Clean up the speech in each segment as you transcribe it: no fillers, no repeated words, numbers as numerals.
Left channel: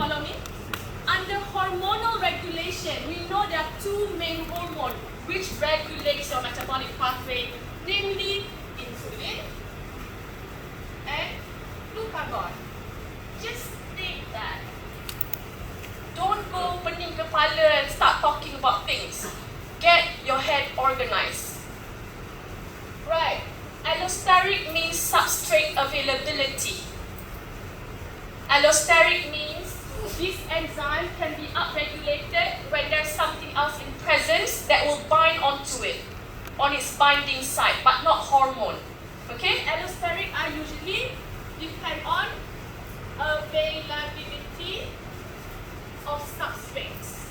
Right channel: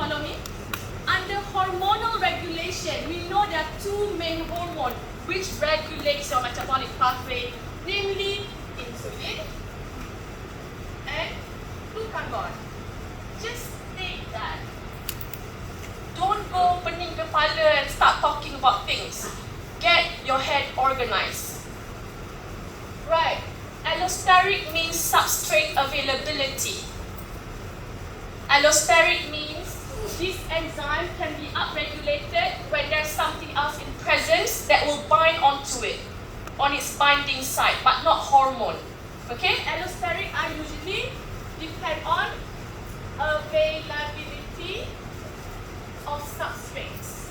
follow me? Under hormonal regulation, we know there are two main hormones which regulates your metabolic pathway, namely insulin and glucagon. Just take that. Don't go pening kepala and start talking about things. Get your head organized. Right. Allosteric means substrate availability. Allosteric means this enzyme can be upregulated when there's something else in presence that will bind onto it on its binding site, but not hormone. Okay? Allosteric are usually depend on availability of substrates.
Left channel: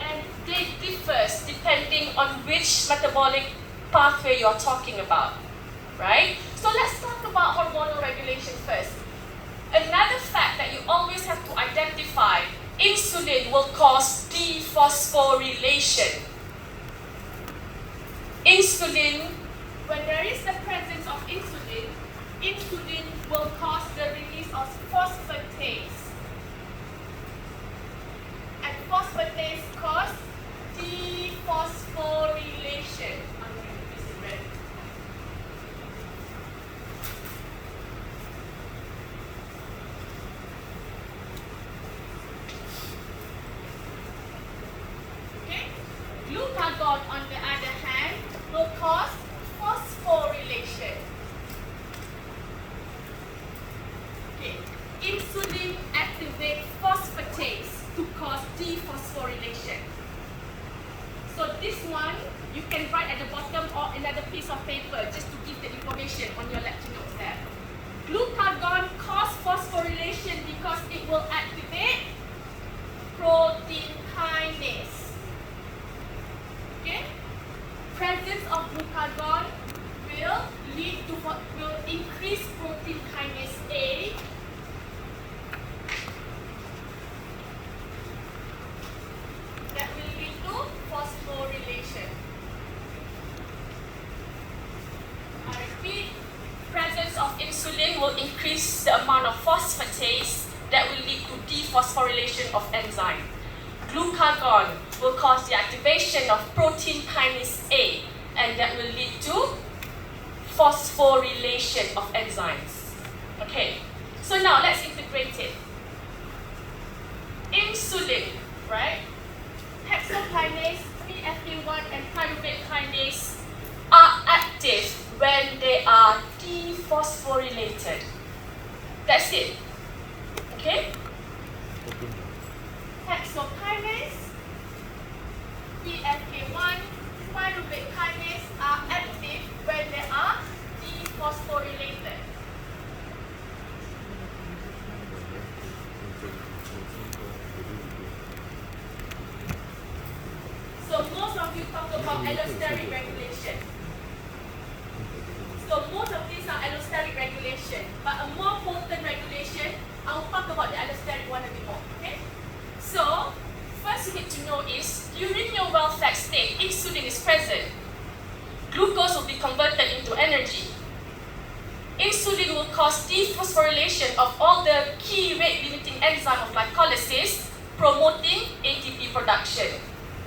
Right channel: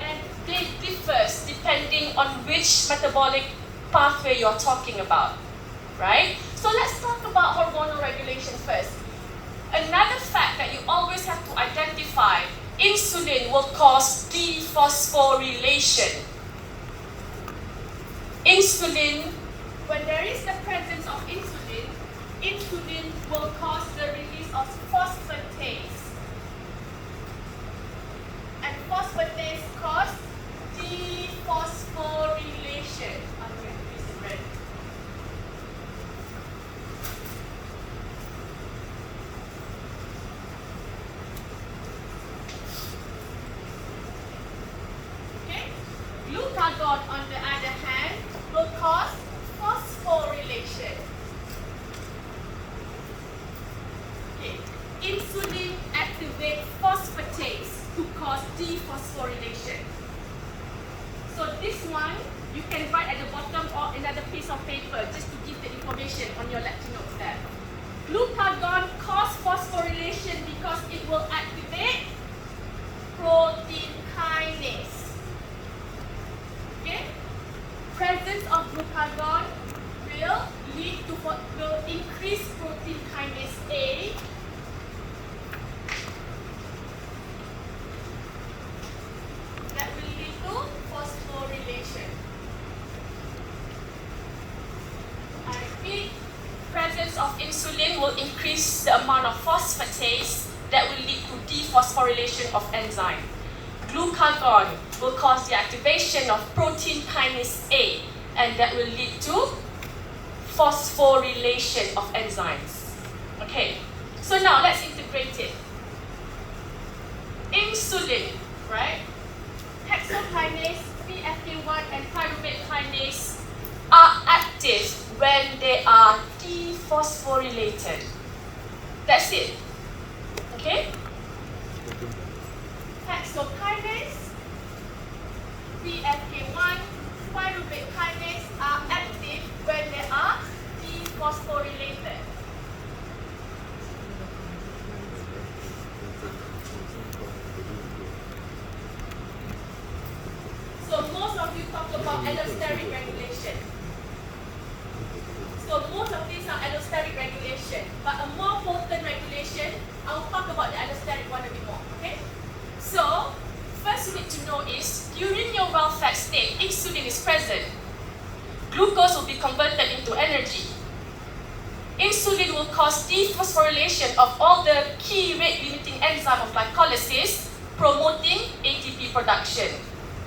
And they differ depending on which metabolic pathway you're talking about, right? So let's talk about hormonal regulation first. Another fact that you always have to identify, insulin will cause dephosphorylation. Insulin, when there is the presence of insulin, insulin will cause the release of phosphatase. And phosphatase causes dephosphorylation. Okay? Glucagon, on the other hand, will cause phosphorylation. Okay. Insulin activates phosphatase to cause dephosphorylation. So this one, you can write at the bottom or another piece of paper just to give the information on your lecture notes there. Glucagon causes phosphorylation because it will activate protein kinase. Okay? Presence of glucagon will increase protein kinase A. That will lead to phosphorylation. I repeat, presence of insulin will increase the amount of phosphatase that will lead to dephosphorylation of enzyme. Glucagon will cause the activation of protein kinase A, and that will lead to phosphorylation of enzymes. Okay, so now let's integrate it. Insulin, right? Hexokinase, PFK1 and pyruvate kinase are active when they are dephosphorylated. That's it. Okay? Hexokinase, PFK1, pyruvate kinase are active when they are dephosphorylated. So most of you talk about allosteric regulation. So most of these are allosteric regulation, but a more potent regulation, I'll talk about the allosteric one a bit more. Okay? So first you need to know is during your well-fed state, insulin is present. Glucose will be converted into energy. Insulin will cause dephosphorylation of all the key rate-limiting enzyme of glycolysis, promoting ATP production.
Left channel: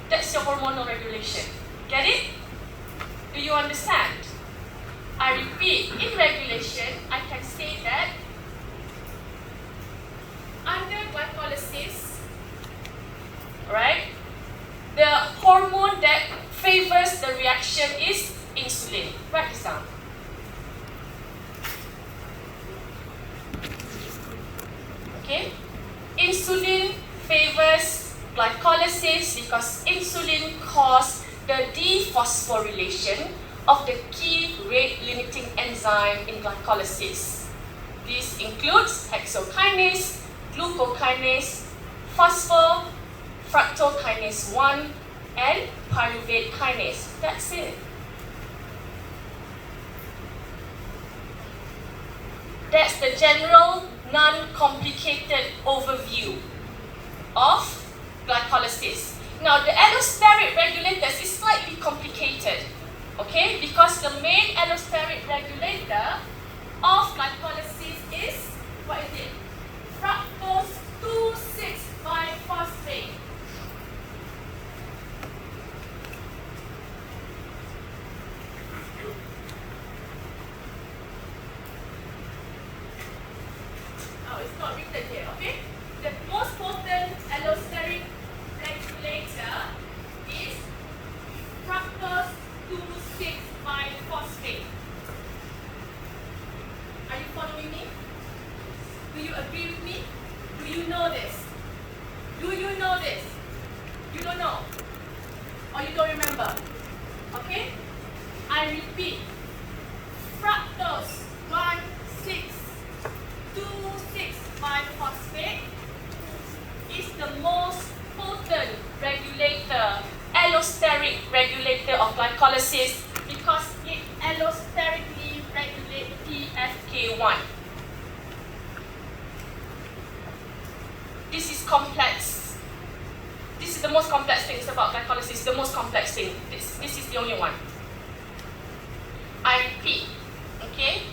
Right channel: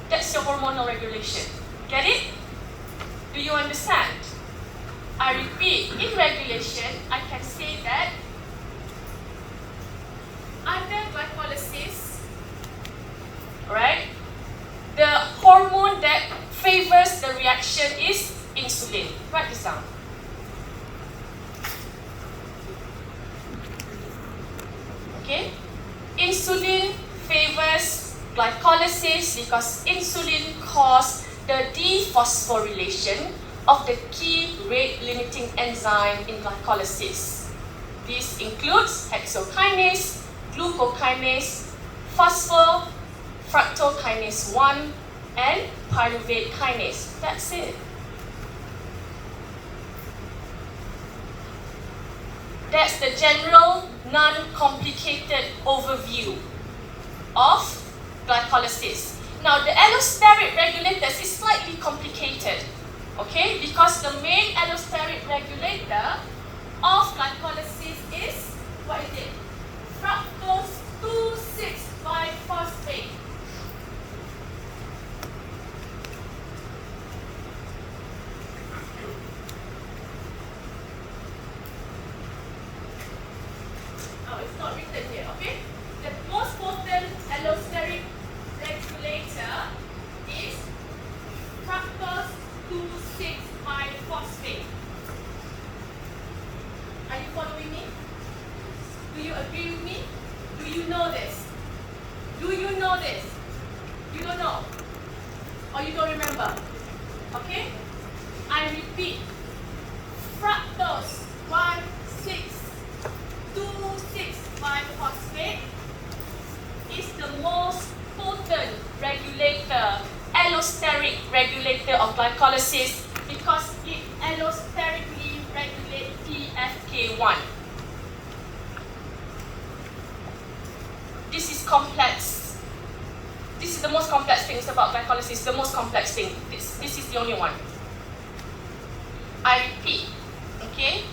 That's your hormonal regulation. Get it? Do you understand? I repeat, in regulation, I can say that under glycolysis, right, the hormone that favors the reaction is insulin. Write this down. Okay? Insulin favors glycolysis because insulin causes the dephosphorylation of the key rate-limiting enzyme in glycolysis. This includes hexokinase, glucokinase, phosphofructokinase 1, and pyruvate kinase. That's it. That's the general, non-complicated overview of glycolysis. Now, the allosteric regulators is slightly complicated, because the main allosteric regulator of glycolysis is remember. Okay? I repeat. Fructose 1,6,2,6,5-phosphate is the most potent regulator, allosteric regulator of glycolysis because it allosterically regulates PFK1. This is complex. This is the most complex things about glycolysis, the most complex thing. This is the only one. I repeat, okay?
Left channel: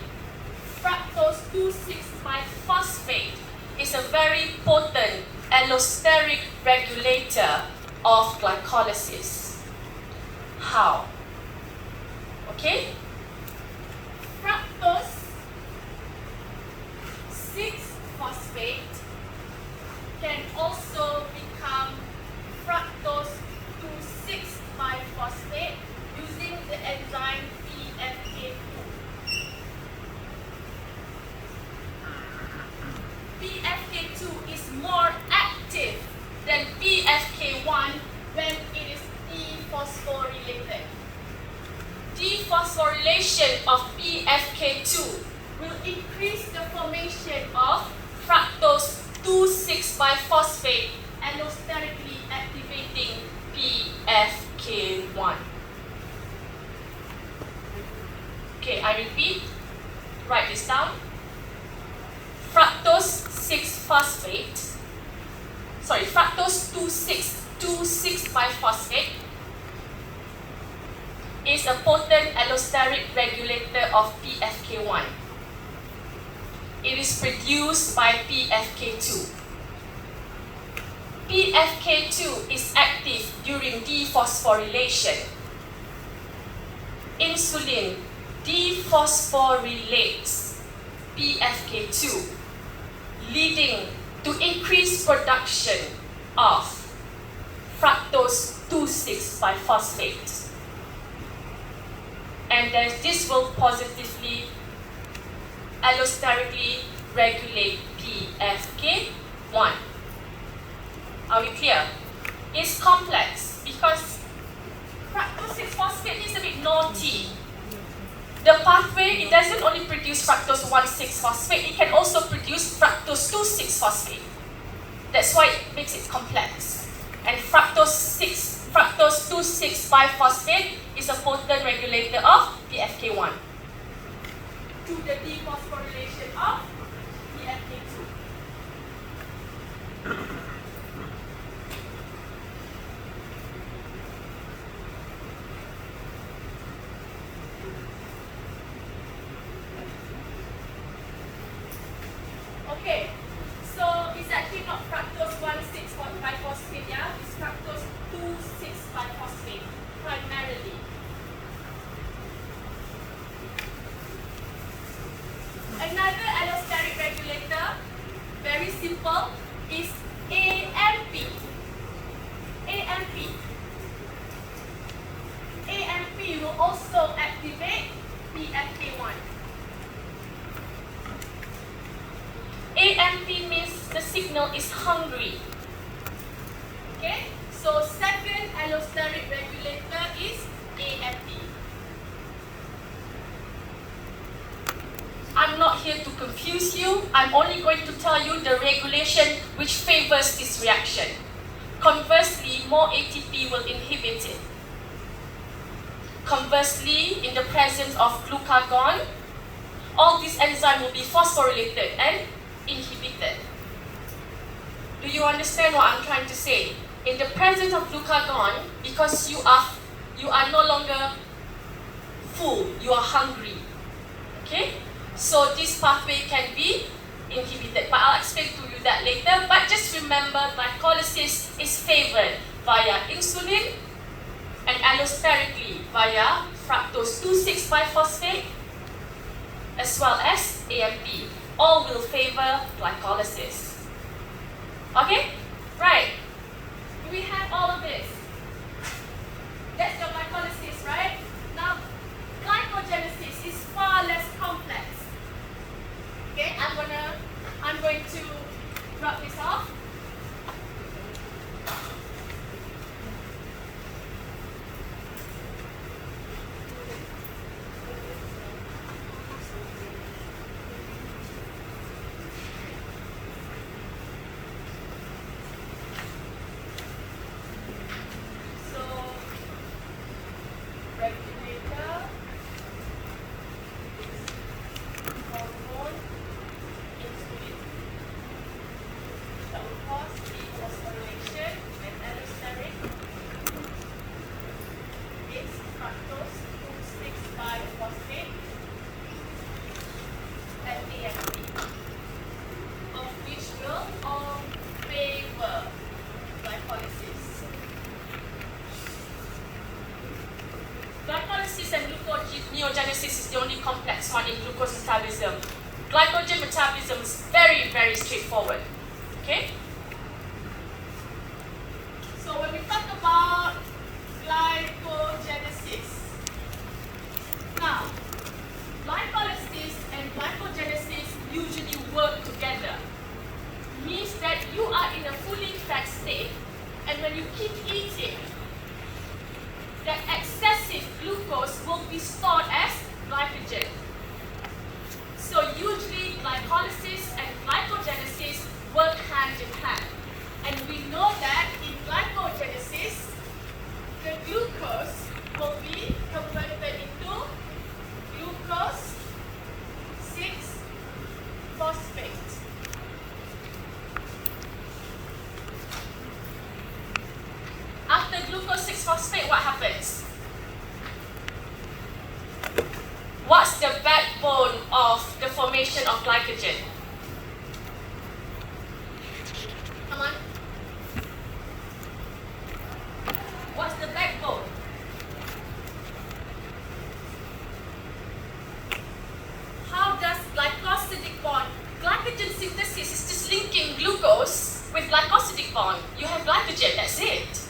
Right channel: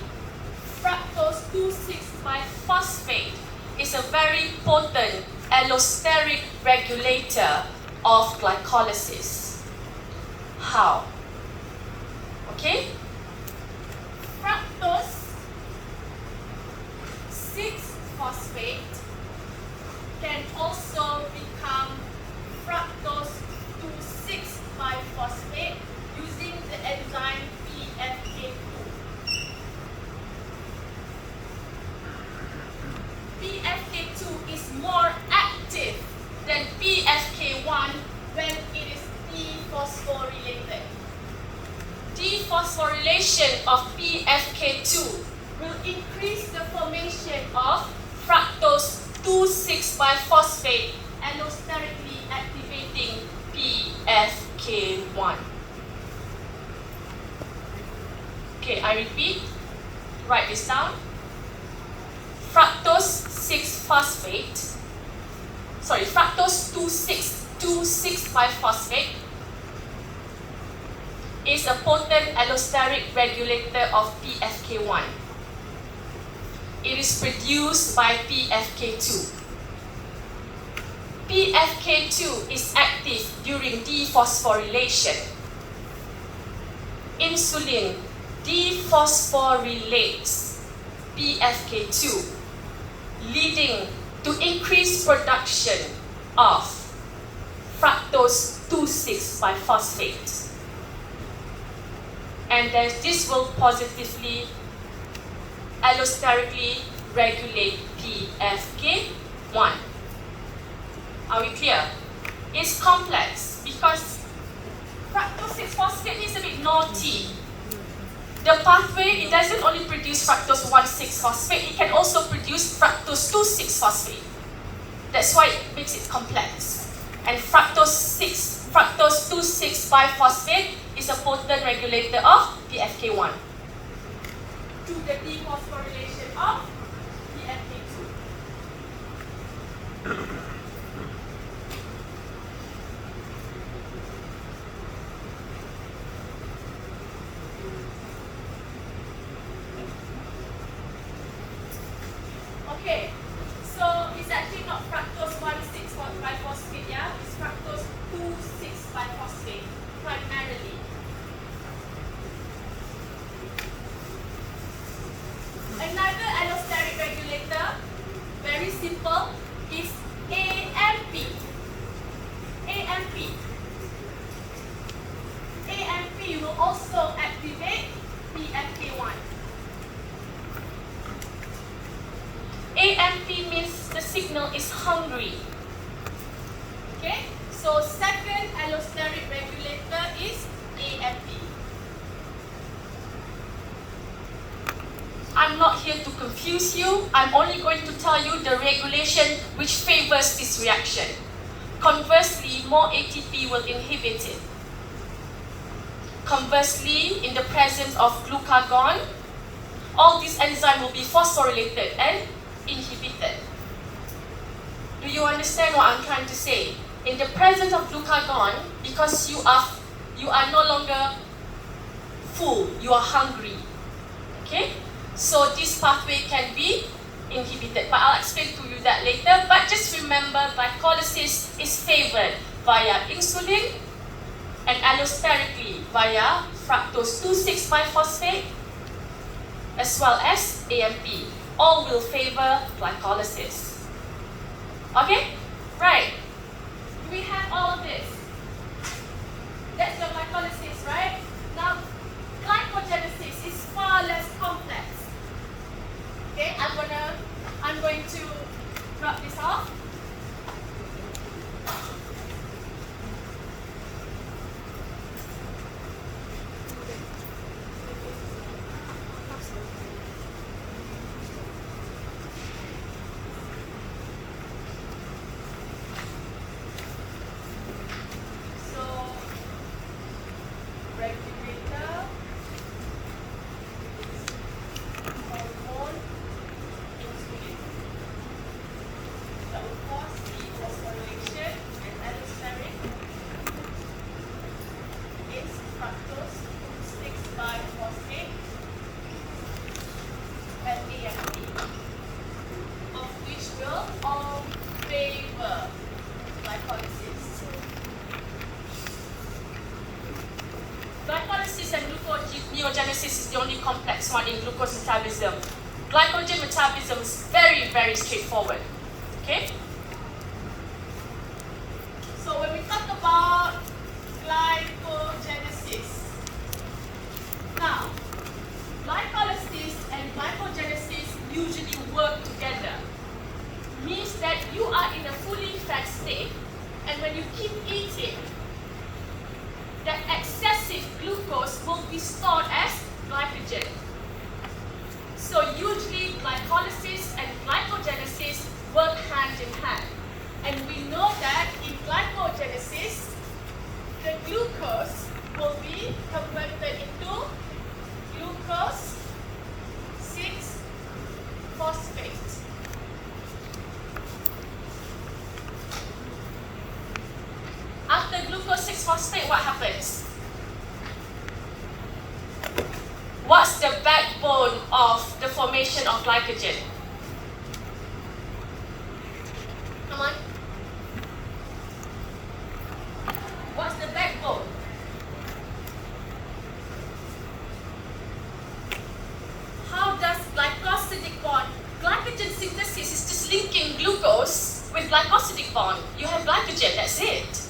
Fructose 2,6-biphosphate is a very potent allosteric regulator of glycolysis. How? Okay? Fructose 6-phosphate can also become fructose 2,6-biphosphate using the enzyme PFK2. PFK2 is more active than PFK1 when it is dephosphorylated. Dephosphorylation of PFK2 will increase the formation of fructose 2,6-biphosphate allosterically activating PFK1. Okay, I repeat. Write this down. Fructose 2,6-2,6-biphosphate is a potent allosteric regulator of PFK1. It is produced by PFK2. PFK2 is active during dephosphorylation. Insulin dephosphorylates PFK2, leading to increased production of fructose 2,6-biphosphate. And then this will positively allosterically regulate PFK1. Are we clear? It's complex because fructose 6-phosphate is a bit naughty. The pathway, it doesn't only produce fructose 1,6-phosphate, it can also produce fructose 2,6-phosphate. That's why it makes it complex. And fructose 2,6-biphosphate is a potent regulator of PFK1 to the dephosphorylation of PFK2. Okay, so it's actually not fructose 1,6-biphosphate, yeah? It's fructose 2,6-biphosphate primarily. Another allosteric regulator, very simple, is AMP. AMP will also activate PFK1. AMP means the signal is hungry. Okay? So second allosteric regulator is AMP. I'm not here to confuse you. I'm only going to tell you the regulation which favors this reaction. Conversely, more ATP will inhibit it. Conversely, in the presence of glucagon, all these enzymes will be phosphorylated and inhibited. Do you understand what I'm trying to say? In the presence of glucagon, because you are no longer full, you are hungry. Okay? So this pathway can be inhibited, but I'll explain to you that later. But just remember, glycolysis is favored via insulin and allosterically via fructose 2,6-biphosphate as well as AMP. All will favor glycolysis. Okay? Right. We have all of this. That's your glycolysis, right? Now, glycogenesis is far less complex. Okay, I'm going to drop this off. and gluconeogenesis is the only complex one in glucose metabolism. Glycogen metabolism is very, very straightforward. Okay? So when we talk about glycogenesis, now, glycolysis and glycogenesis usually work together. Means that you are in a fully fat state, and when you keep eating, the excessive glucose will be stored as glycogen. So usually glycolysis and glycogenesis work hand in hand. And we know that in glycogenesis, the glucose will be converted into glucose 6-phosphate. After glucose 6-phosphate, what happens? What's the backbone of the formation of glycogen? Come on. What's the backbone? How does glycosidic bond? Glycogen synthesis is just linking glucose with glycosidic bond. You have glycogen, that's it.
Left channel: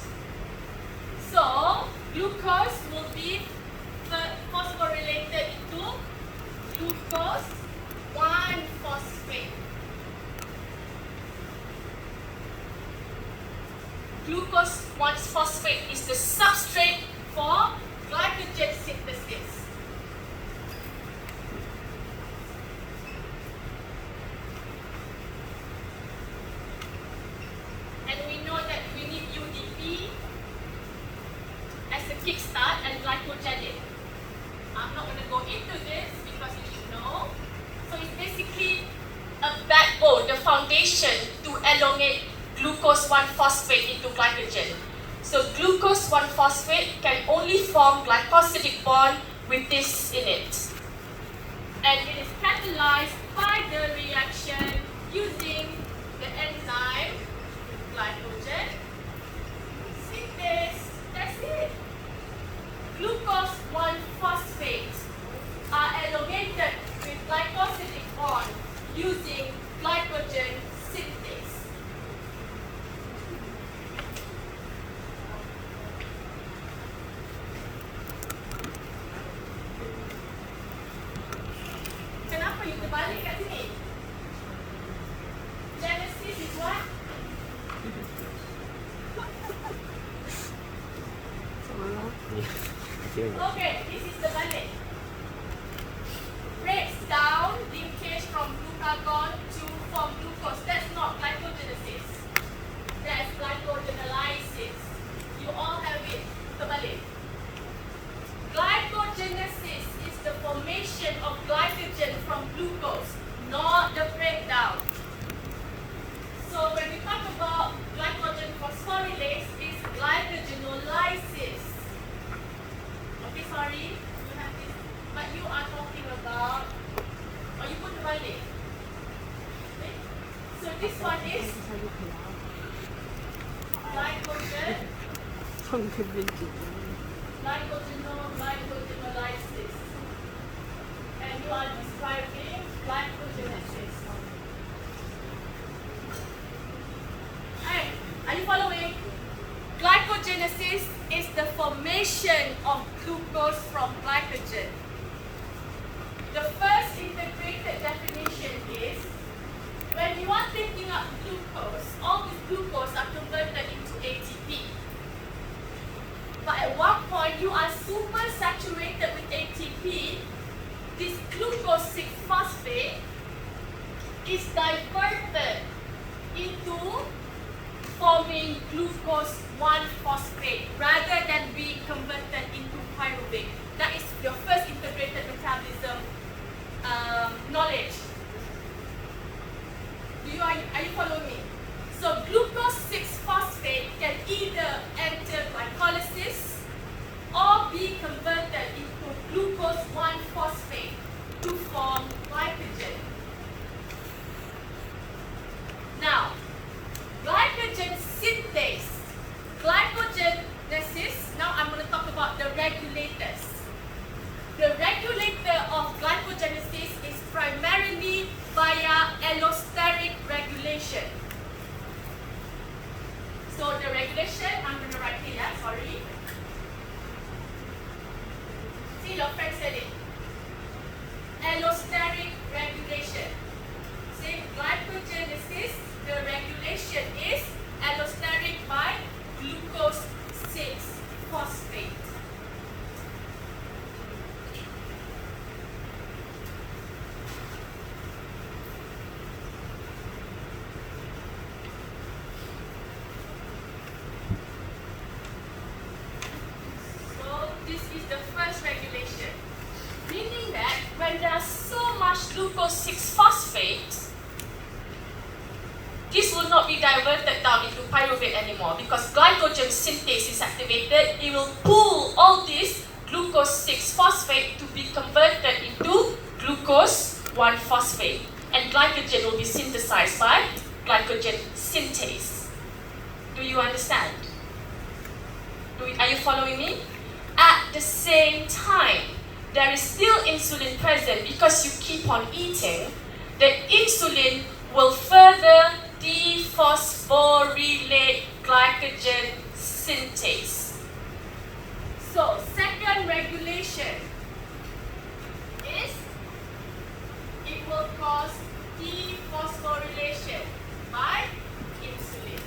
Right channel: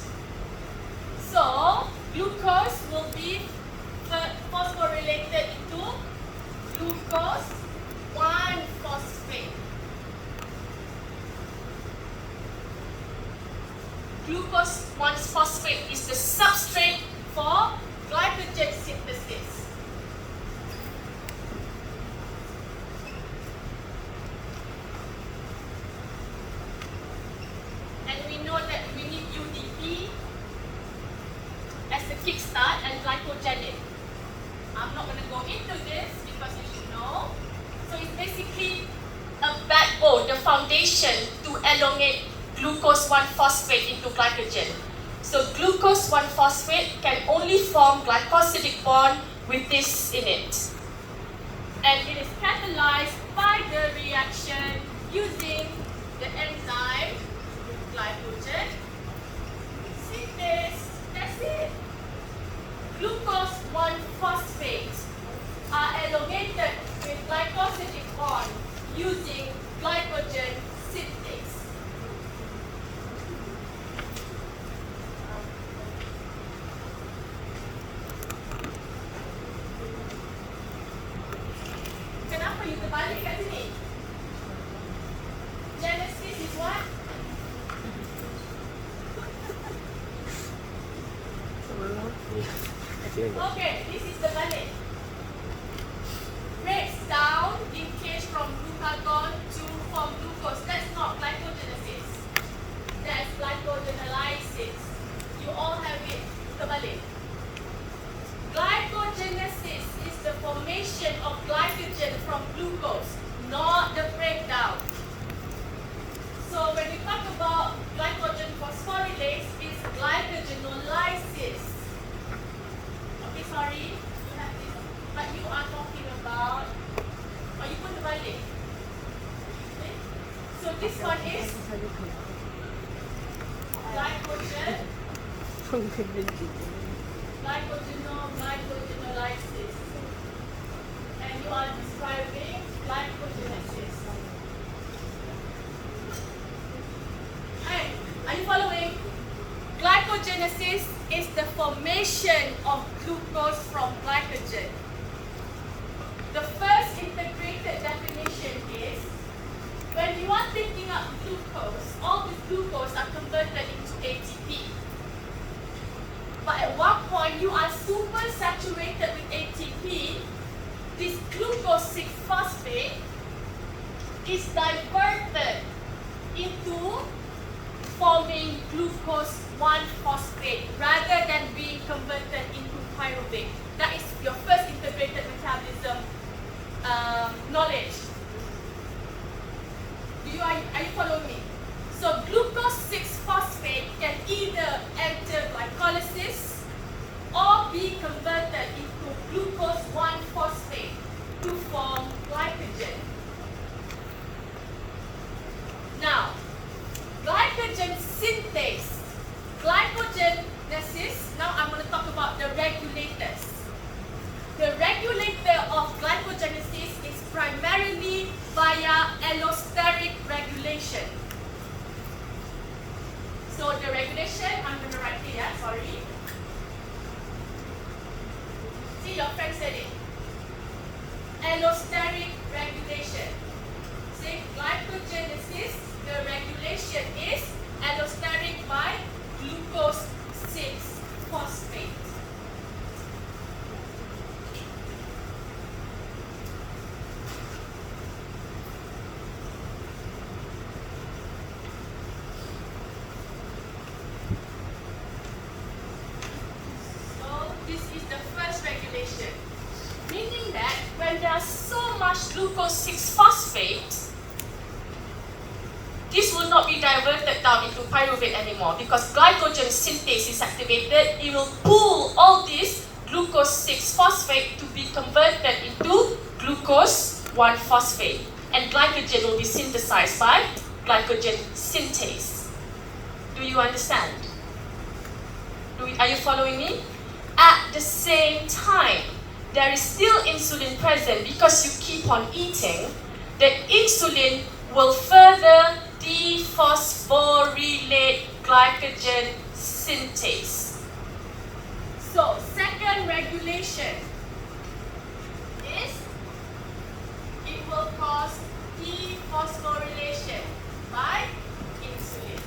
So, glucose will be phosphorylated into glucose 1-phosphate. Glucose 1-phosphate is the substrate for glycogen synthesis. And we know that we need UDP as a kickstart and glycogenin. I'm not going to go into this because you should know. So it's basically a backbone, the foundation to elongate glucose 1-phosphate into glycogen. So glucose 1-phosphate can only form glycosidic bond with this in it. And it is catalyzed by the reaction using the enzyme glycogen synthase. That's it. Glucose 1-phosphate are elongated with glycosidic bond using glycogen synthase. Kenapa you terbalik kat sini? Genesis is what? Okay, this is the balik. Breaks down linkage from glucagon to form glucose. That's not glycogenesis. That's glycogenolysis. You all have it. Terbalik. Glycogenesis is the formation of glycogen from glucose, not the breakdown. So when we talk about glycogen phosphorylase, it's glycogenolysis. Okay, sorry, we have this, but you are talking about, or you put the balik. Okay. So this one is glycogen, glycogenolysis, and you are describing glycogenesis. And are you following? Glycogenesis is the formation of glucose from glycogen. The first integrated definition is when you are taking up glucose, all the glucose are converted into ATP. But at one point, you are super saturated with ATP. This glucose 6-phosphate is diverted into forming glucose 1-phosphate rather than being converted into pyruvate. That is your first integrated metabolism knowledge. Are you following me? So glucose 6-phosphate can either enter glycolysis or be converted into glucose 1-phosphate to form glycogen. Now, glycogen synthase. Glycogenesis, now I'm going to talk about the regulators. see your friend said it. Allosteric regulation. See, glycogenesis, the regulation is allosteric by glucose 6-phosphate. This is the first regulation, meaning that when there is so much glucose 6-phosphate, this will not be diverted down into pyruvate anymore because glycogen synthase is activated. It will pull all this glucose 6-phosphate to be converted into glucose 1-phosphate, and glycogen will be synthesized by glycogen synthase. Do you understand? Are you following me? At the same time, there is still insulin present because you keep on eating. The insulin will further dephosphorylate glycogen synthase. So, second regulation is it will cause dephosphorylation by insulin.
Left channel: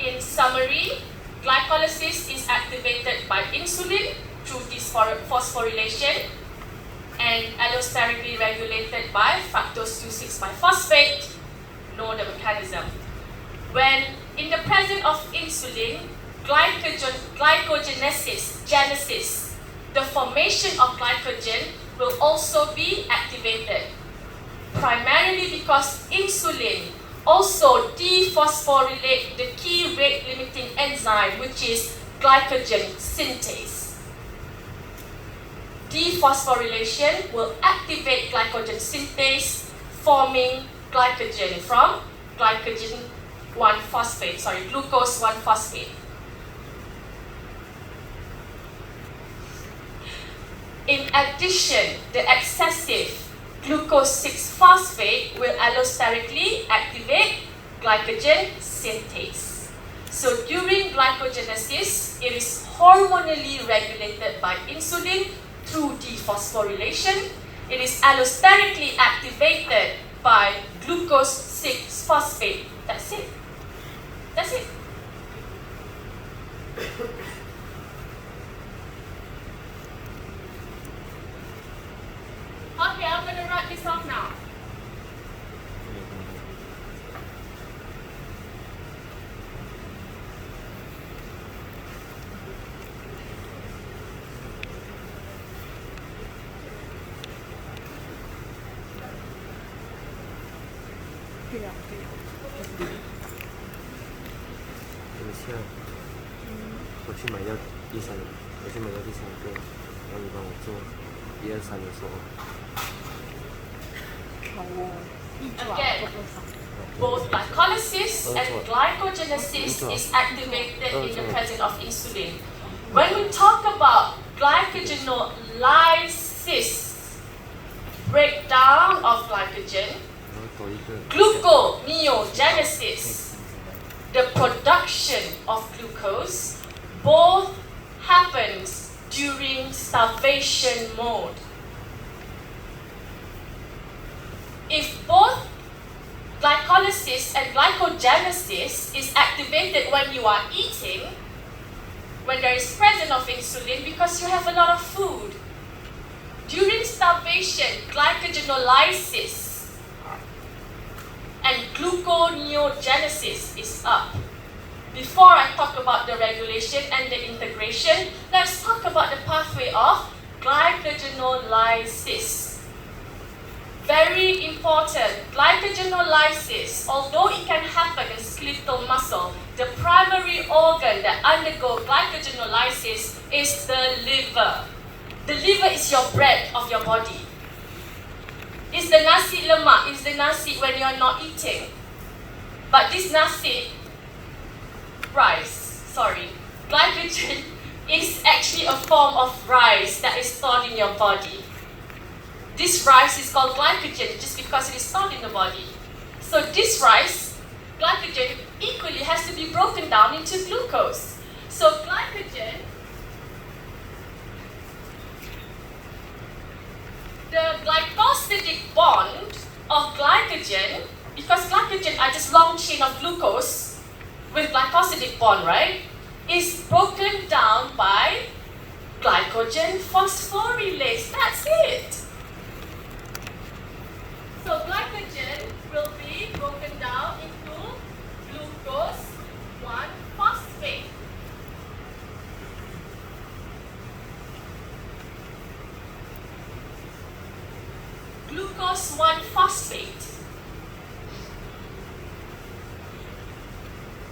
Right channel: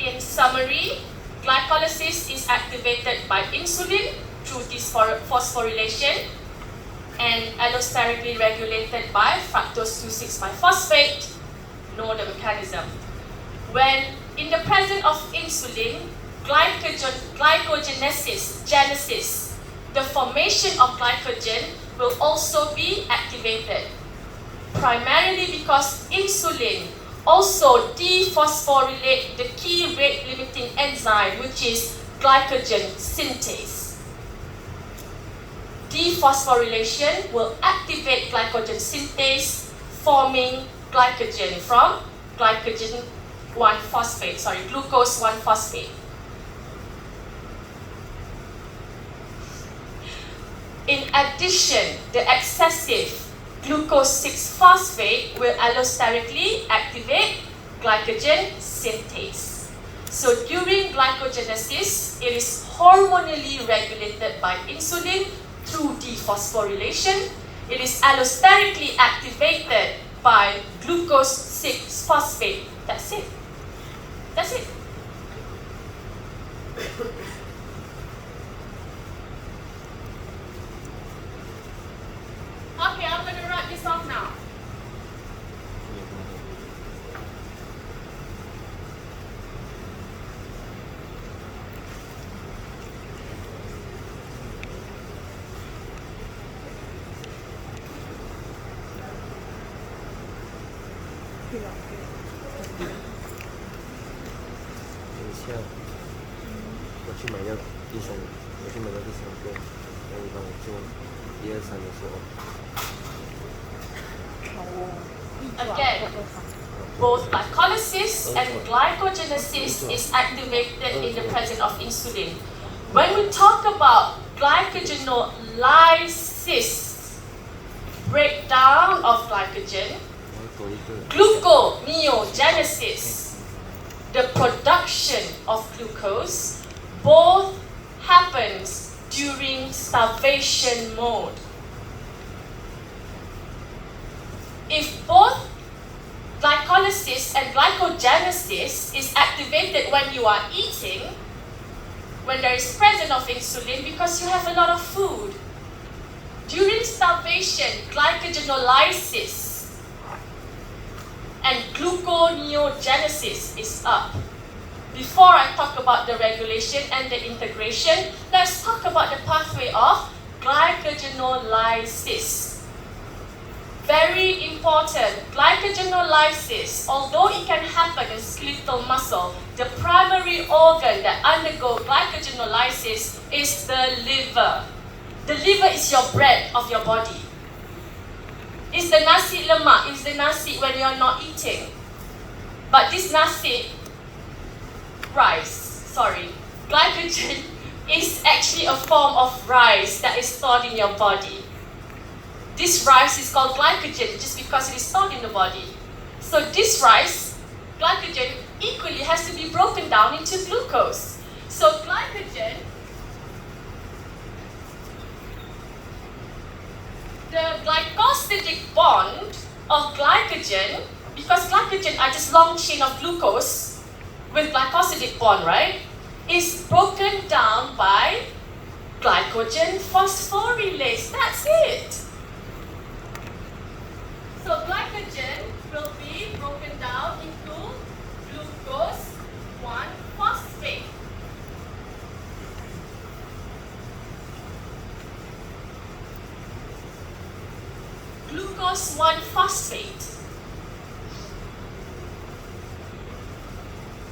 In summary, glycolysis is activated by insulin through phosphorylation and allosterically regulated by fructose 2,6-biphosphate. Know the mechanism. When in the presence of insulin, glycogenesis, the formation of glycogen will also be activated, primarily because insulin also dephosphorylate the key rate limiting enzyme, which is glycogen synthase. Dephosphorylation will activate glycogen synthase, forming glycogen from glucose 1-phosphate. In addition, the excessive glucose 6-phosphate will allosterically activate glycogen synthase. So during glycogenesis, it is hormonally regulated by insulin through dephosphorylation. It is allosterically activated by glucose 6-phosphate. That's it. That's it. Okay, I'm going to write this off now. Again, both glycolysis and glycogenesis is activated in the presence of insulin. When we talk about glycogenolysis, breakdown of glycogen, gluconeogenesis, the production of glucose, both happens during starvation mode. If both glycolysis and glycogenesis is activated when you are eating, when there is presence of insulin because you have a lot of food, during starvation, glycogenolysis and gluconeogenesis is up. Before I talk about the regulation and the integration, let's talk about the pathway of glycogenolysis. Very important, glycogenolysis, although it can happen in skeletal muscle, the primary organ that undergoes glycogenolysis is the liver. The liver is your bread of your body. It's the nasi lemak, it's the nasi when you are not eating. But this nasi, glycogen is actually a form of rice that is stored in your body. This rice is called glycogen just because it is stored in the body. So this rice glycogen equally has to be broken down into glucose. So glycogen, the glycosidic bond of glycogen, because glycogen are just long chain of glucose with glycosidic bond, right, is broken down by glycogen phosphorylase. That's it. So glycogen will be broken down into glucose 1-phosphate. Glucose 1-phosphate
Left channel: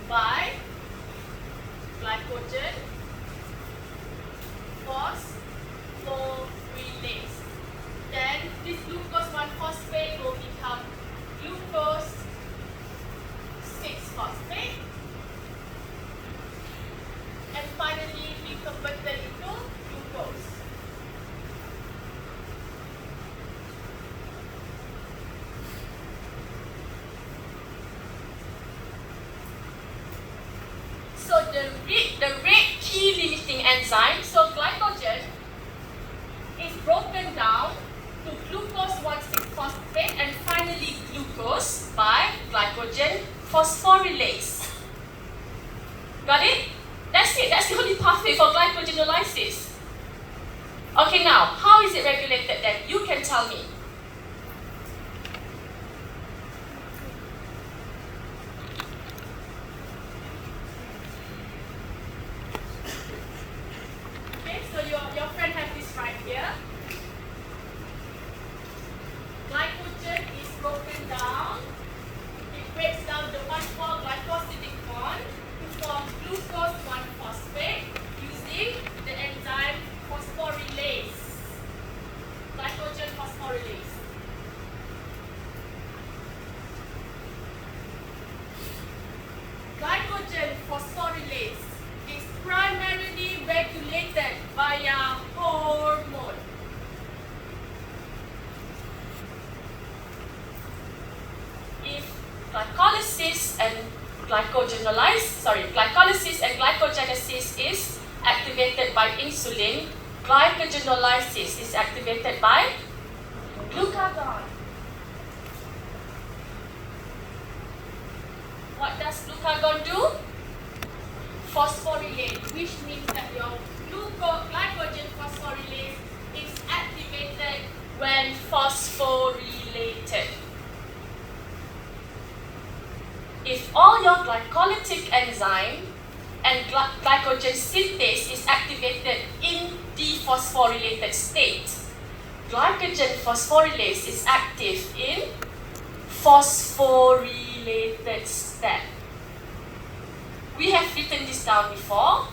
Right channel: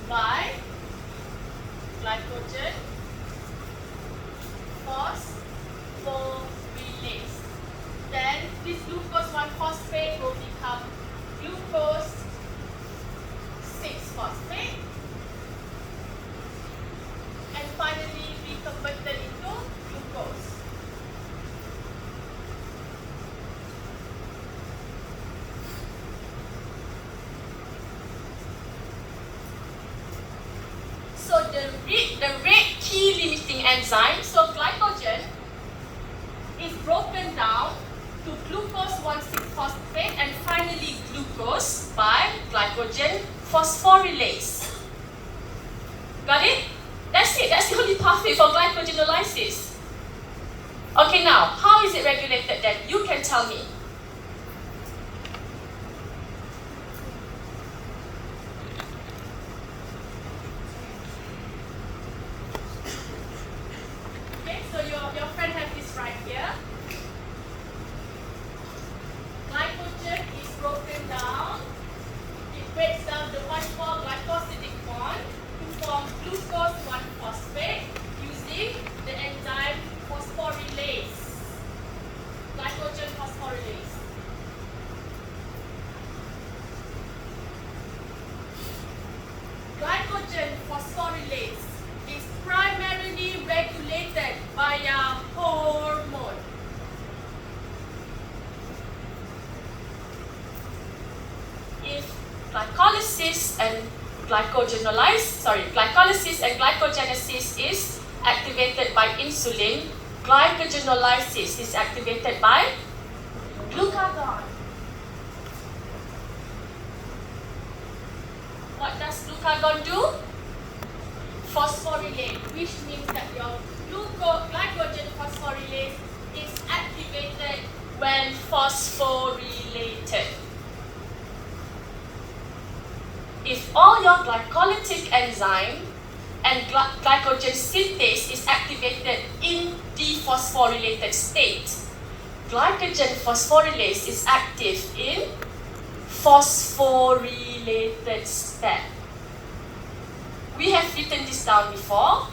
by glycogen phosphorylase. Then this glucose 1-phosphate will become glucose 6-phosphate and finally be converted into glucose. So the red key limiting enzyme, so glycogen is broken down to glucose 1,6-phosphate and finally glucose by glycogen phosphorylase. Got it? That's it. That's the only pathway for glycogenolysis. Okay, now, how is it regulated then? You can tell me. Okay, so your friend has this right here. Glycogen is broken down. It breaks down the 1,4-glycosidic bond to form glucose 1-phosphate using the enzyme phosphorylase. Glycogen phosphorylase. Glycogen phosphorylase is primarily regulated via hormone. If glycolysis and glycogenesis is activated by insulin, glycogenolysis is activated by glucagon. What does glucagon do? Phosphorylate, which means that your glycogen phosphorylase is activated when phosphorylated. If all your glycolytic enzyme and glycogen synthase is activated in dephosphorylated state, glycogen phosphorylase is active in phosphorylated step. We have written this down before.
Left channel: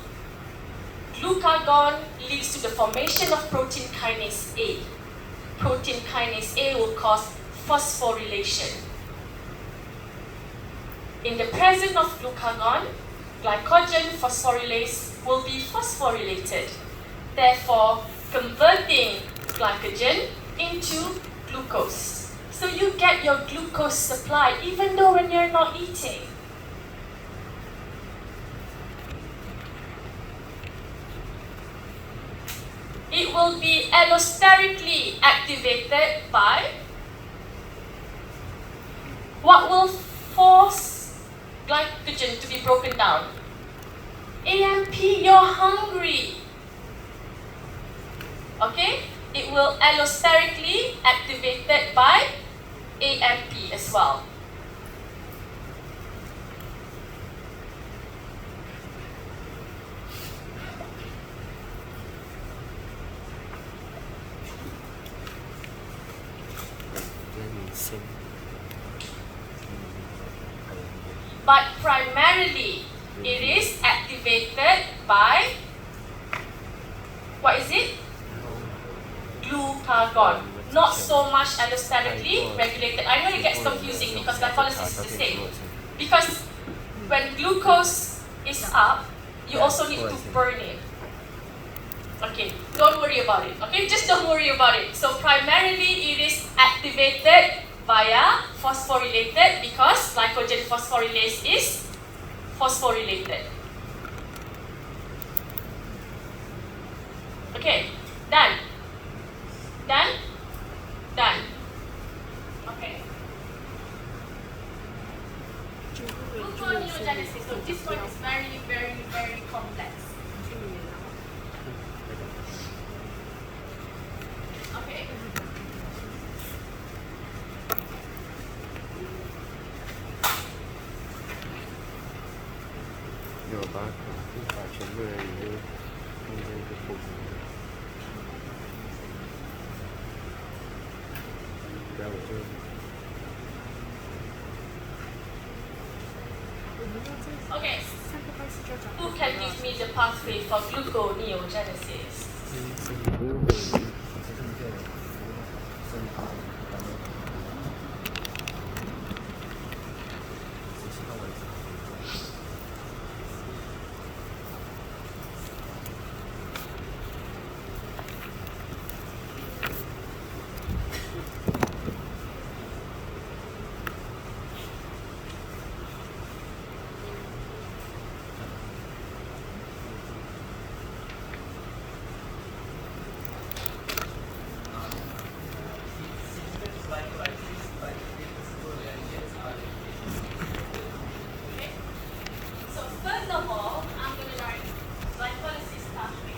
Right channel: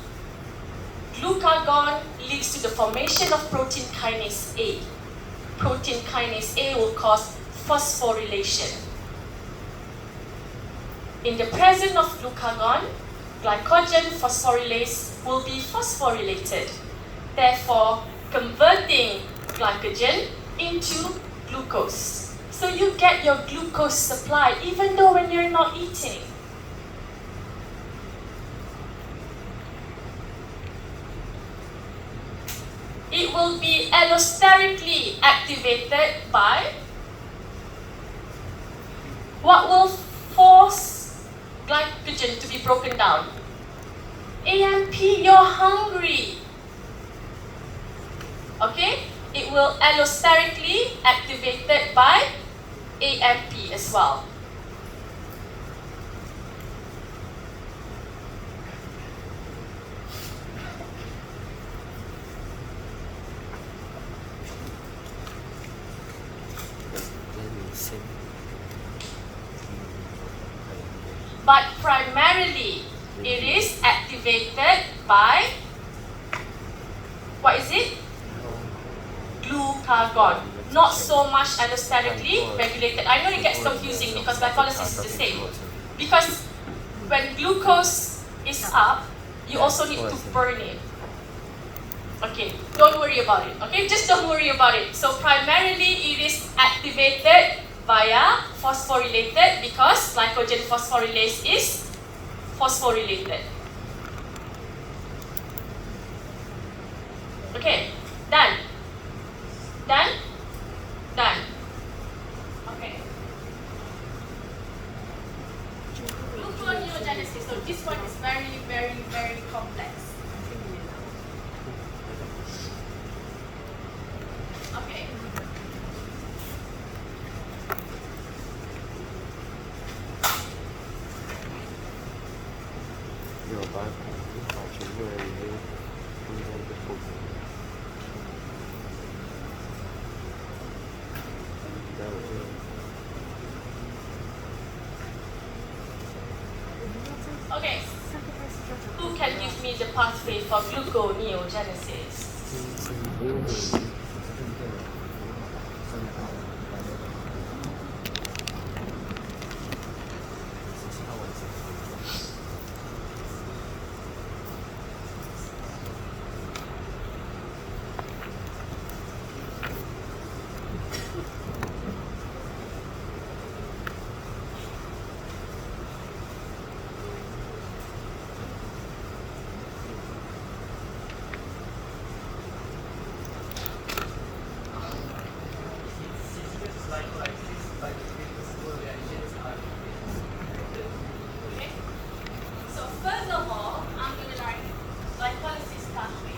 Glucagon leads to the formation of protein kinase A. Protein kinase A will cause phosphorylation. In the presence of glucagon, glycogen phosphorylase will be phosphorylated, therefore converting glycogen into glucose. So you get your glucose supply even though when you're not eating. It will be allosterically activated by what will force glycogen to be broken down? AMP, you're hungry. Okay? It will allosterically activated by AMP as well. But primarily, it is activated by, what is it? Glucagon. Not so much allosterically regulated. I know it gets confusing because glycolysis is the same. Because when glucose is up, you also need to burn it. Okay, don't worry about it. Okay, just don't worry about it. So primarily, it is activated via phosphorylated because glycogen phosphorylase is phosphorylated. Okay, done. Done? Done. Okay. Gluconeogenesis. So this one is very, very, very complex. Okay. Okay. Who can give me the pathway for gluconeogenesis? Okay. So first of all, I'm going to write glycolysis pathway.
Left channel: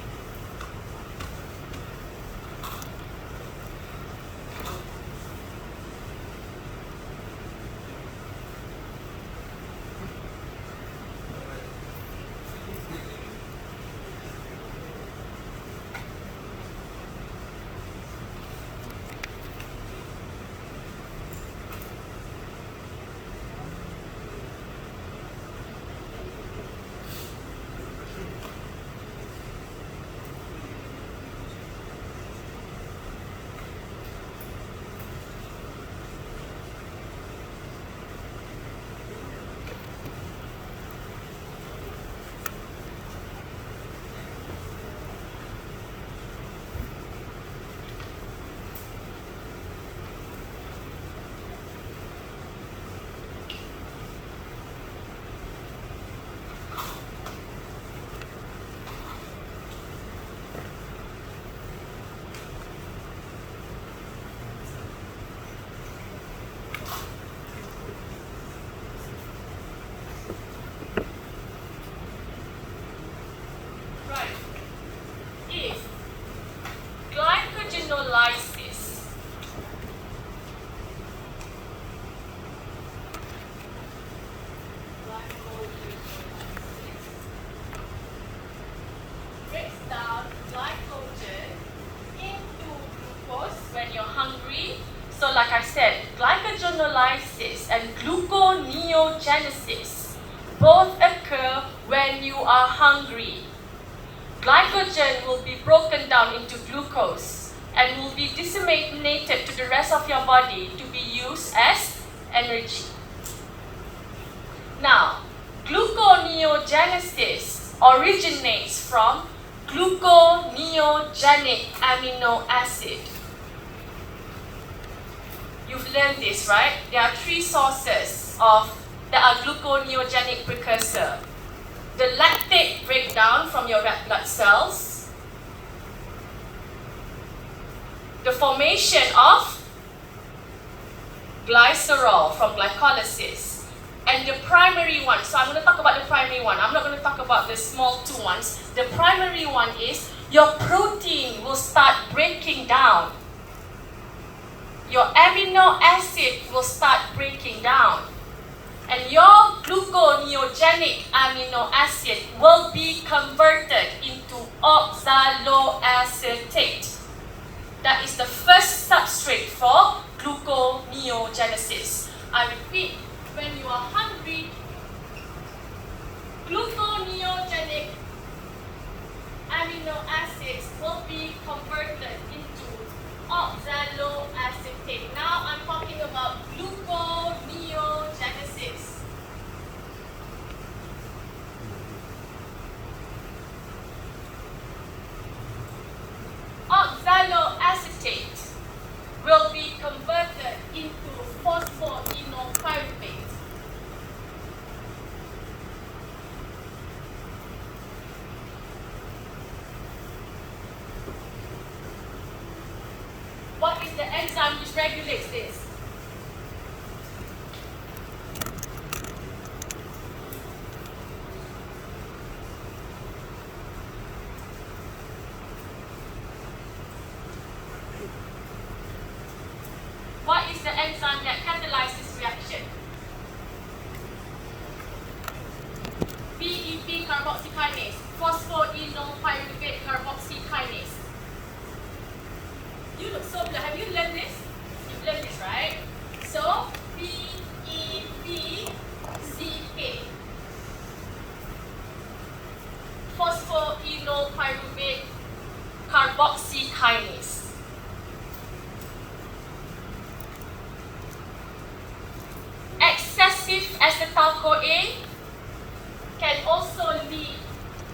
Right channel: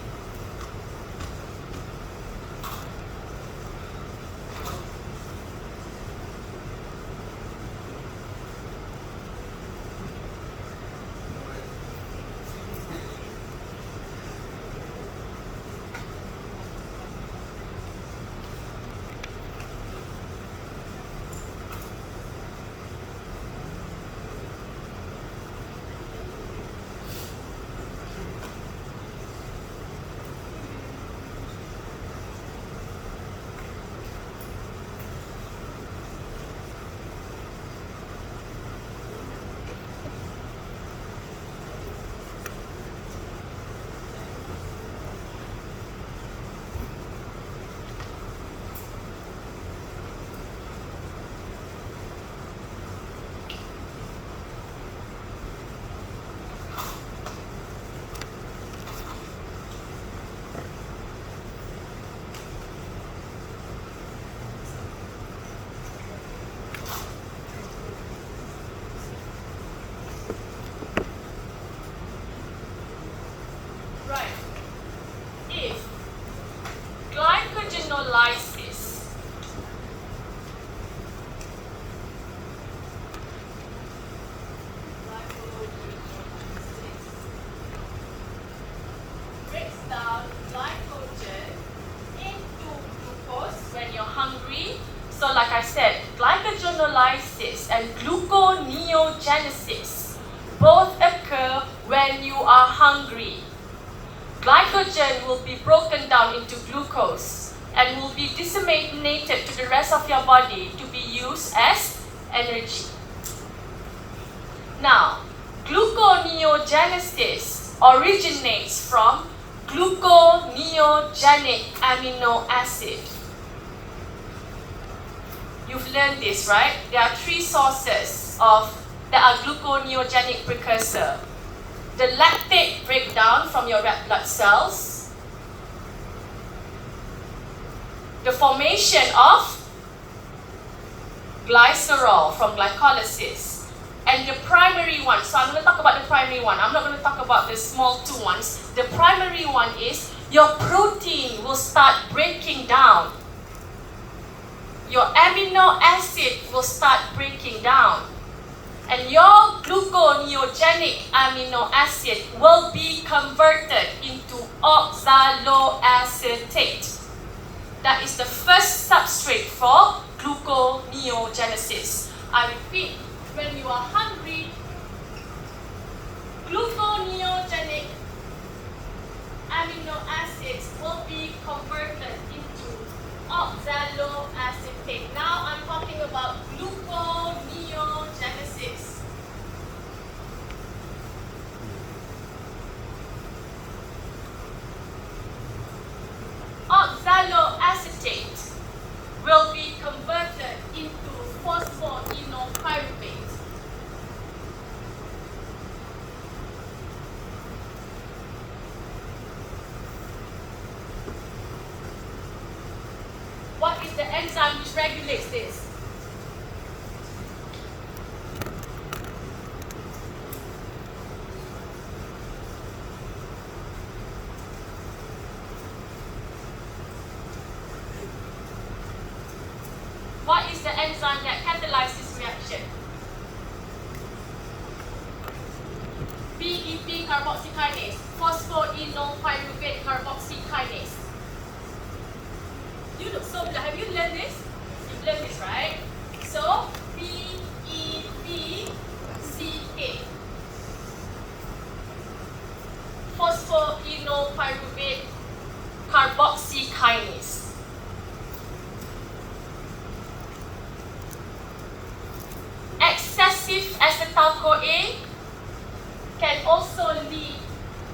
Right. If glycogenolysis breaks down glycogen into glucose when you're hungry. So like I said, glycogenolysis and gluconeogenesis both occur when you are hungry. Glycogen will be broken down into glucose and will be disseminated to the rest of your body to be used as energy. Now, gluconeogenesis originates from gluconeogenic amino acid. You've learned this, right? There are three sources that are gluconeogenic precursor. The lactate breakdown from your red blood cells, the formation of glycerol from glycolysis, and the primary one. So I'm going to talk about the primary one. I'm not going to talk about the small two ones. The primary one is your protein will start breaking down. Your amino acid will start breaking down. And your gluconeogenic amino acid will be converted into oxaloacetate. That is the first substrate for gluconeogenesis. I repeat, when you are hungry, gluconeogenic amino acids will be converted into oxaloacetate. Now I'm talking about gluconeogenesis. Oxaloacetate will be converted into regulates this? What is the enzyme that catalyzes this reaction? PEP carboxykinase, phosphoenolpyruvate carboxykinase. You look so good. Have you learned this? You've learned this, right? So, PEPCK, phosphoenolpyruvate carboxykinase. Excessive acetyl-CoA can also lead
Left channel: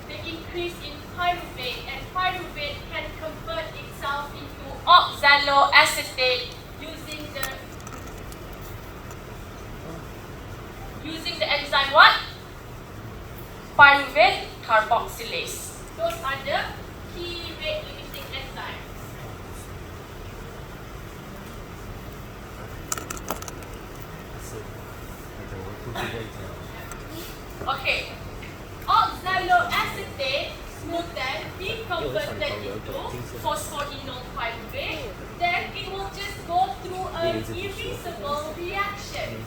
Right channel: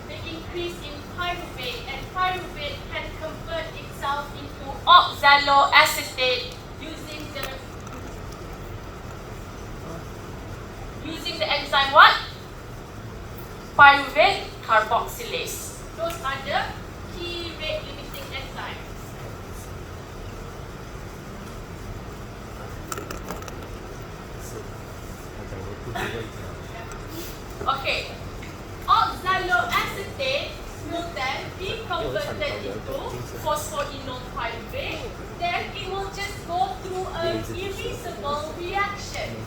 the increase in pyruvate, and pyruvate can convert itself into oxaloacetate using the enzyme what? Pyruvate carboxylase. Those are the key rate limiting enzymes. Okay, oxaloacetate will then be converted into phosphoenolpyruvate. Then it will just go through an irreversible reaction.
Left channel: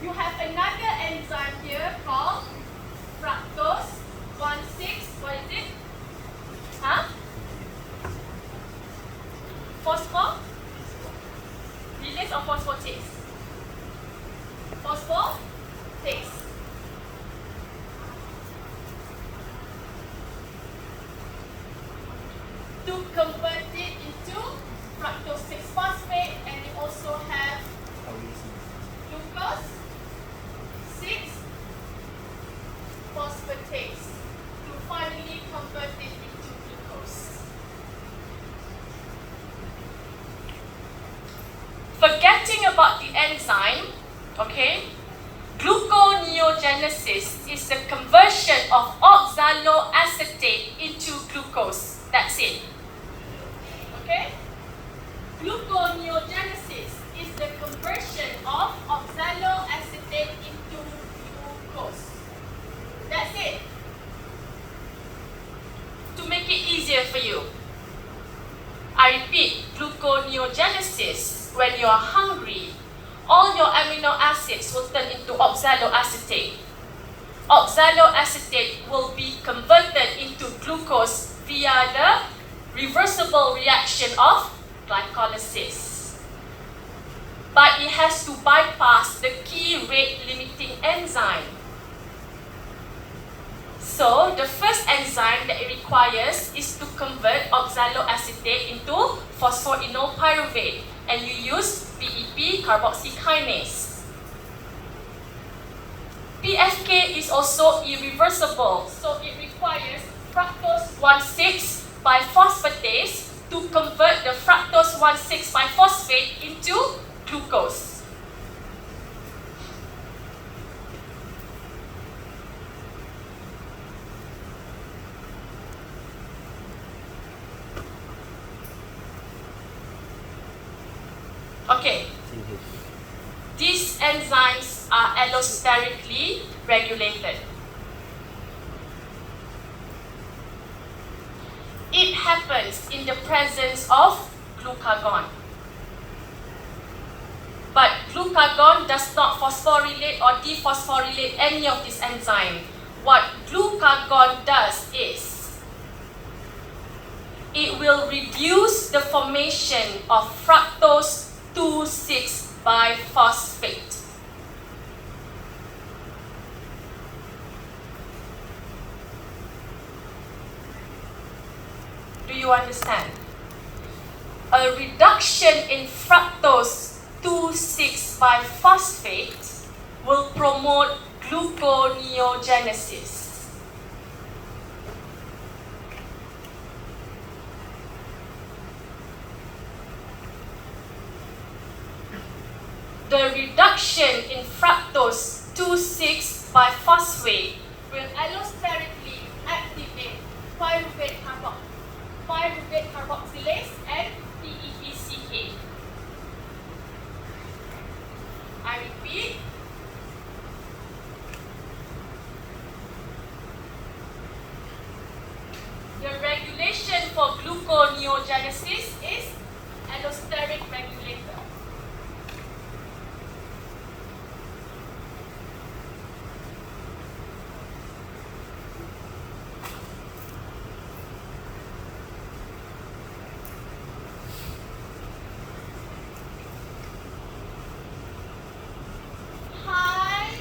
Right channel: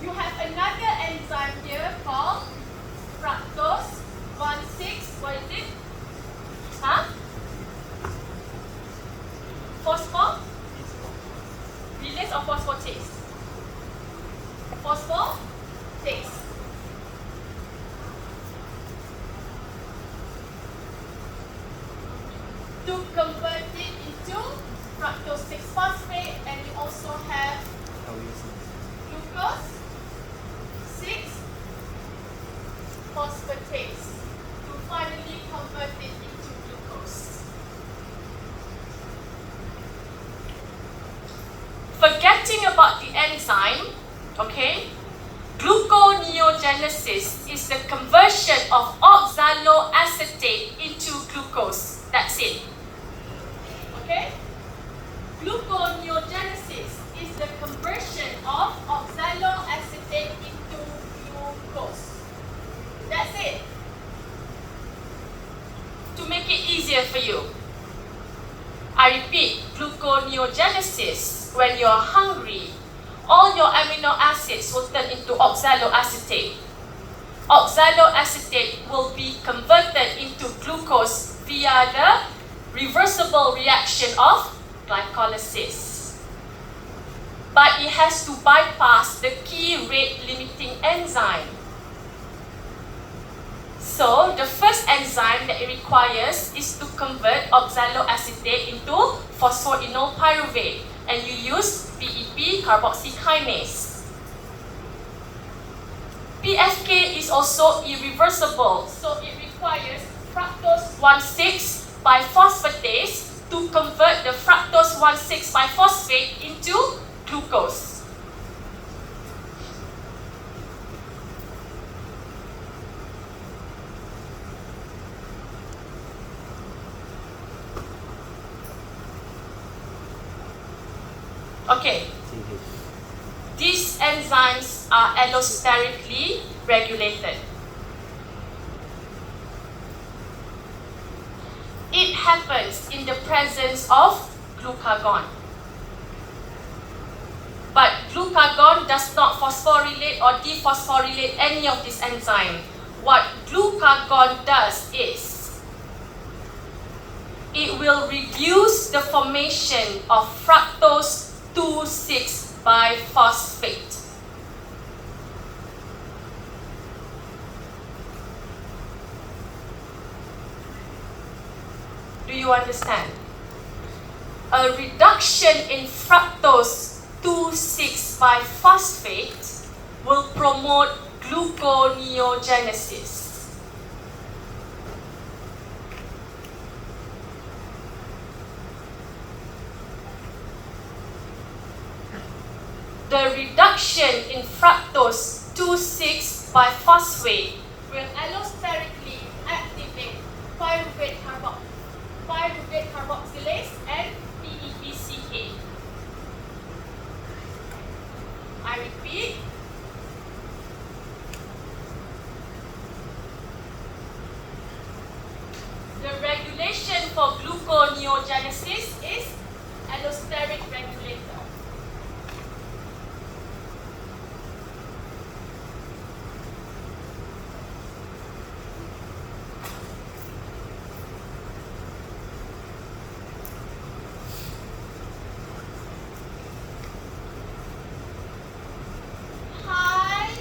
You have another enzyme here called fructose 1,6. What is it? Huh? Phospholipase or phosphatase? Phosphatase. To convert it into fructose 6-phosphate, and you also have glucose 6-phosphatase to finally convert it into glucose. Forgetting about the enzyme, okay? Gluconeogenesis is the conversion of oxaloacetate into glucose. That's it. Okay? Gluconeogenesis is the conversion of oxaloacetate into glucose. That's it. To make it easier for you, I repeat, gluconeogenesis. When you're hungry, all your amino acids will turn into oxaloacetate. Oxaloacetate will be converted into glucose via the reversible reaction of glycolysis. But it has to bypass the key rate limiting enzyme. So, the first enzyme that it requires is to convert oxaloacetate into phosphoenolpyruvate, and you use PEP carboxykinase. PFK is also irreversible, so it requires fructose 1,6-biphosphatase to convert the fructose 1,6-biphosphate into glucose. Okay, these enzymes are allosterically regulated. It happens in the presence of glucagon. But glucagon does not phosphorylate or dephosphorylate any of this enzyme. What glucagon does is, it will reduce the formation of fructose 2,6-biphosphate. Do you understand? A reduction in fructose 2,6-biphosphate will promote gluconeogenesis. The reduction in fructose 2,6-biphosphate will allosterically activate pyruvate carboxylase and PEPCK. I repeat. The regulation for gluconeogenesis is allosteric regulator. High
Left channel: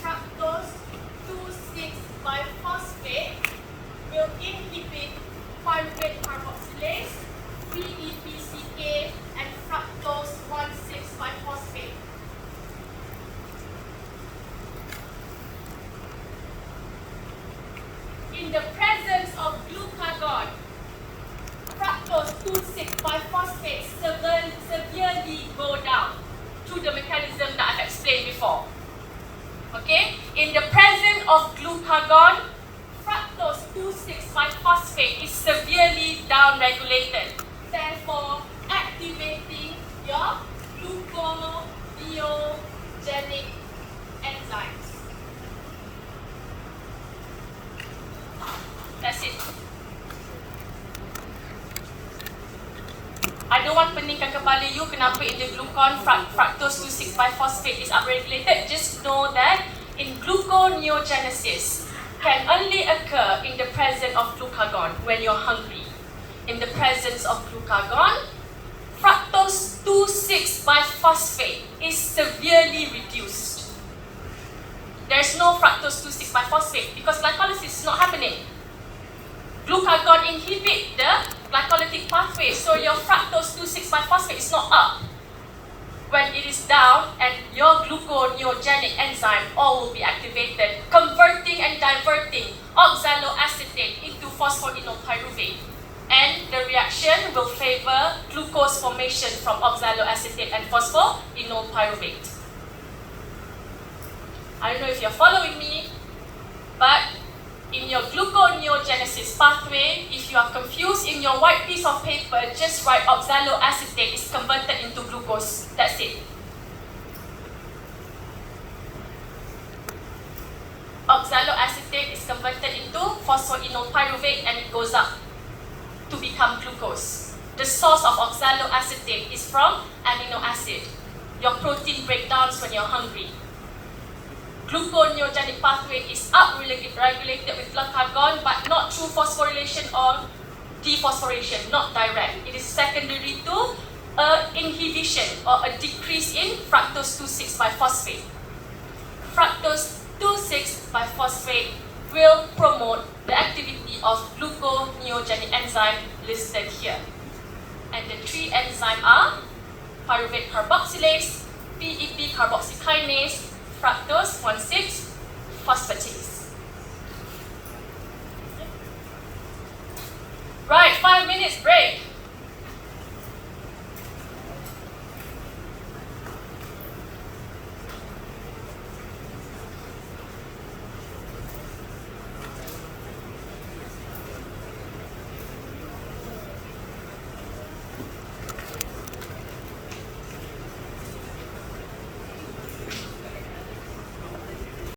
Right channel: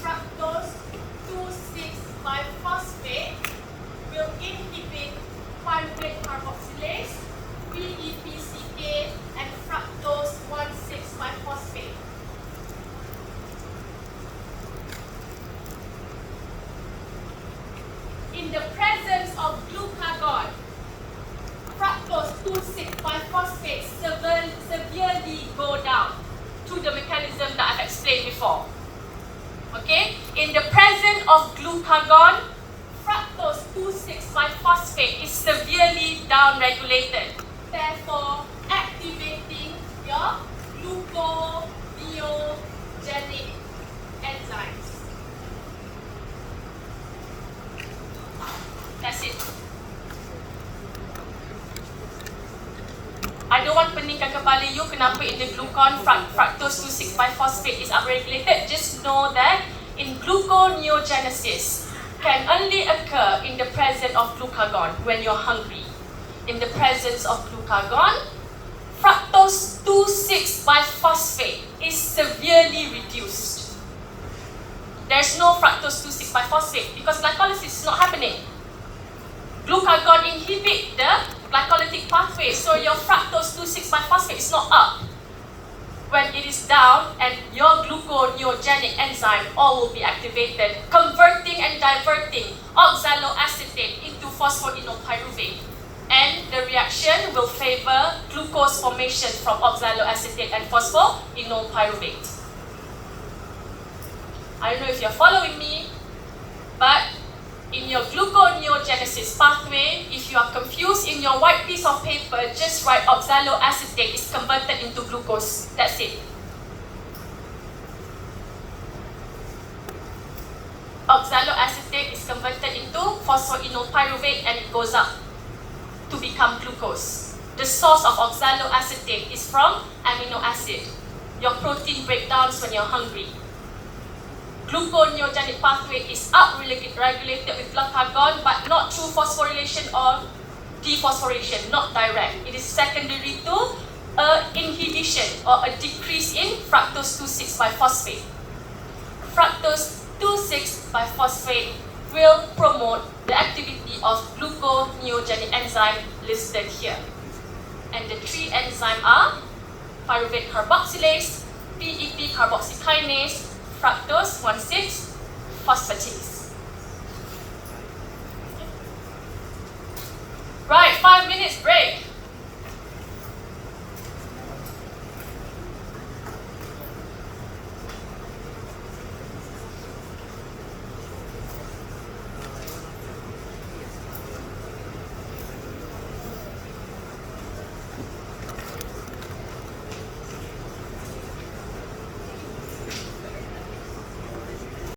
fructose 2,6-biphosphate will inhibit pyruvate carboxylase, PEPCK, and fructose 1,6-biphosphate. In the presence of glucagon, fructose 2,6-biphosphate severely go down through the mechanism that I have explained before. Okay? In the presence of glucagon, fructose 2,6-biphosphate is severely downregulated, therefore activating your gluconeogenic enzymes. That's it. I don't want peningkan kepala you kenapa in the glucon fructose 2,6-biphosphate is upregulated. Just know that in gluconeogenesis can only occur in the presence of glucagon when you're hungry. In the presence of glucagon, fructose 2,6-biphosphate is severely reduced. There's no fructose 2,6-biphosphate because glycolysis is not happening. Glucagon inhibits the glycolytic pathway, so your fructose 2,6-biphosphate is not up. When it is down, and your gluconeogenic enzyme all will be activated, converting and diverting oxaloacetate into phosphoenolpyruvate. And the reaction will favor glucose formation from oxaloacetate and phosphoenolpyruvate. I don't know if you're following me, but in your gluconeogenesis pathway, if you are confused in your white piece of paper, just write oxaloacetate is converted into glucose. That's it. Oxaloacetate is converted into phosphoenolpyruvate and it goes up to become glucose. The source of oxaloacetate is from amino acid, your protein breakdowns when you're hungry. Gluconeogenic pathway is regulated with glucagon, but not through phosphorylation or dephosphorylation, not direct. It is secondary to inhibition or a decrease in fructose 2,6-biphosphate. Fructose 2,6-biphosphate will promote the activity of gluconeogenic enzyme listed here. And the three enzymes are pyruvate carboxylase, PEP carboxykinase, fructose 1,6-phosphatase.